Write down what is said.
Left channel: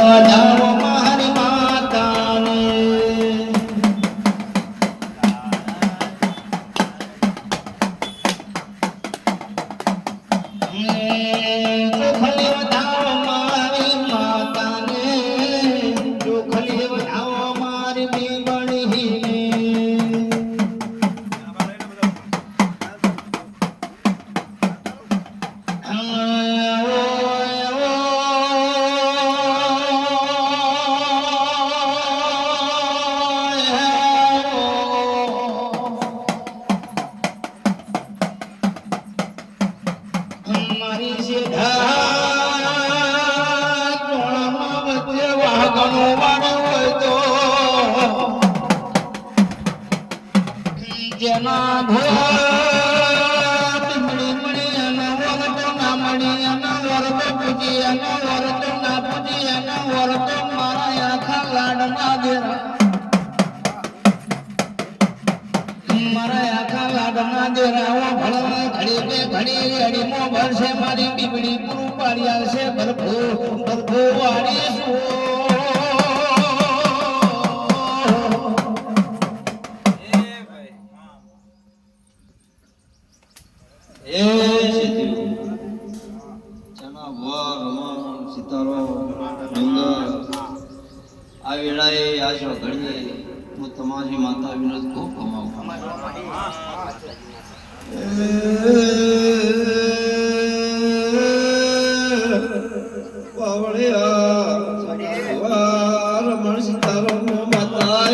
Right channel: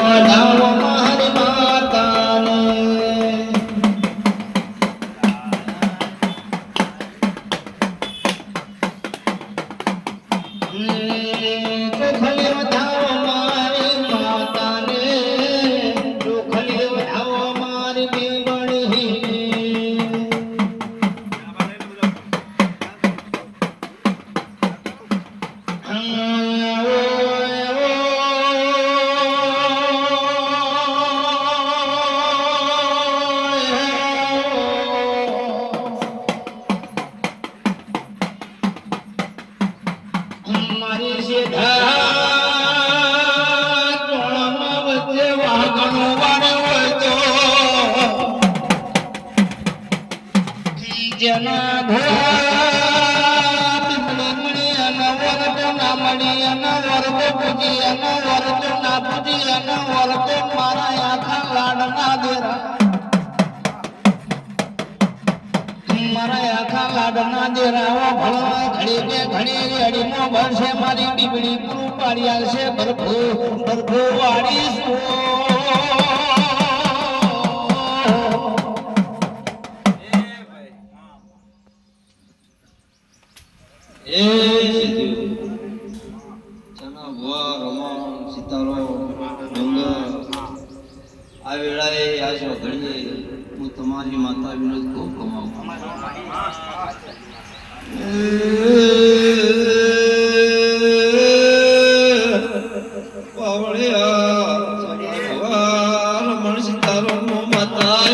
વધાવો મારી માતાને ચોખલી વધાવો મારી માતાને ચોખલી વધાવો મારી બેબણી મારી સીધા ચોળામાં વચ્ચે વાઘણો વાળે હોય તો જેના મળી મળી અને વરતો ના મળી અને વરતો પૂજી અને વરતો ના પૂજી અને વરતો મારા આખા લાડના દેરા મારા આખા લાડના દેરાવા ભળવા ઘડી કે ઘડી અડીમો ભરશે મારી બીબડી પૂરું પાડી આવશે બરફો બરફો વાળી એ ચના વર રમણ સિતારો ડુંગર આ વેળાએ આશરો ઘડીએ હું તમારી માતા વિનોદ ખૂબ કમાવું રમણ સિતારો માતા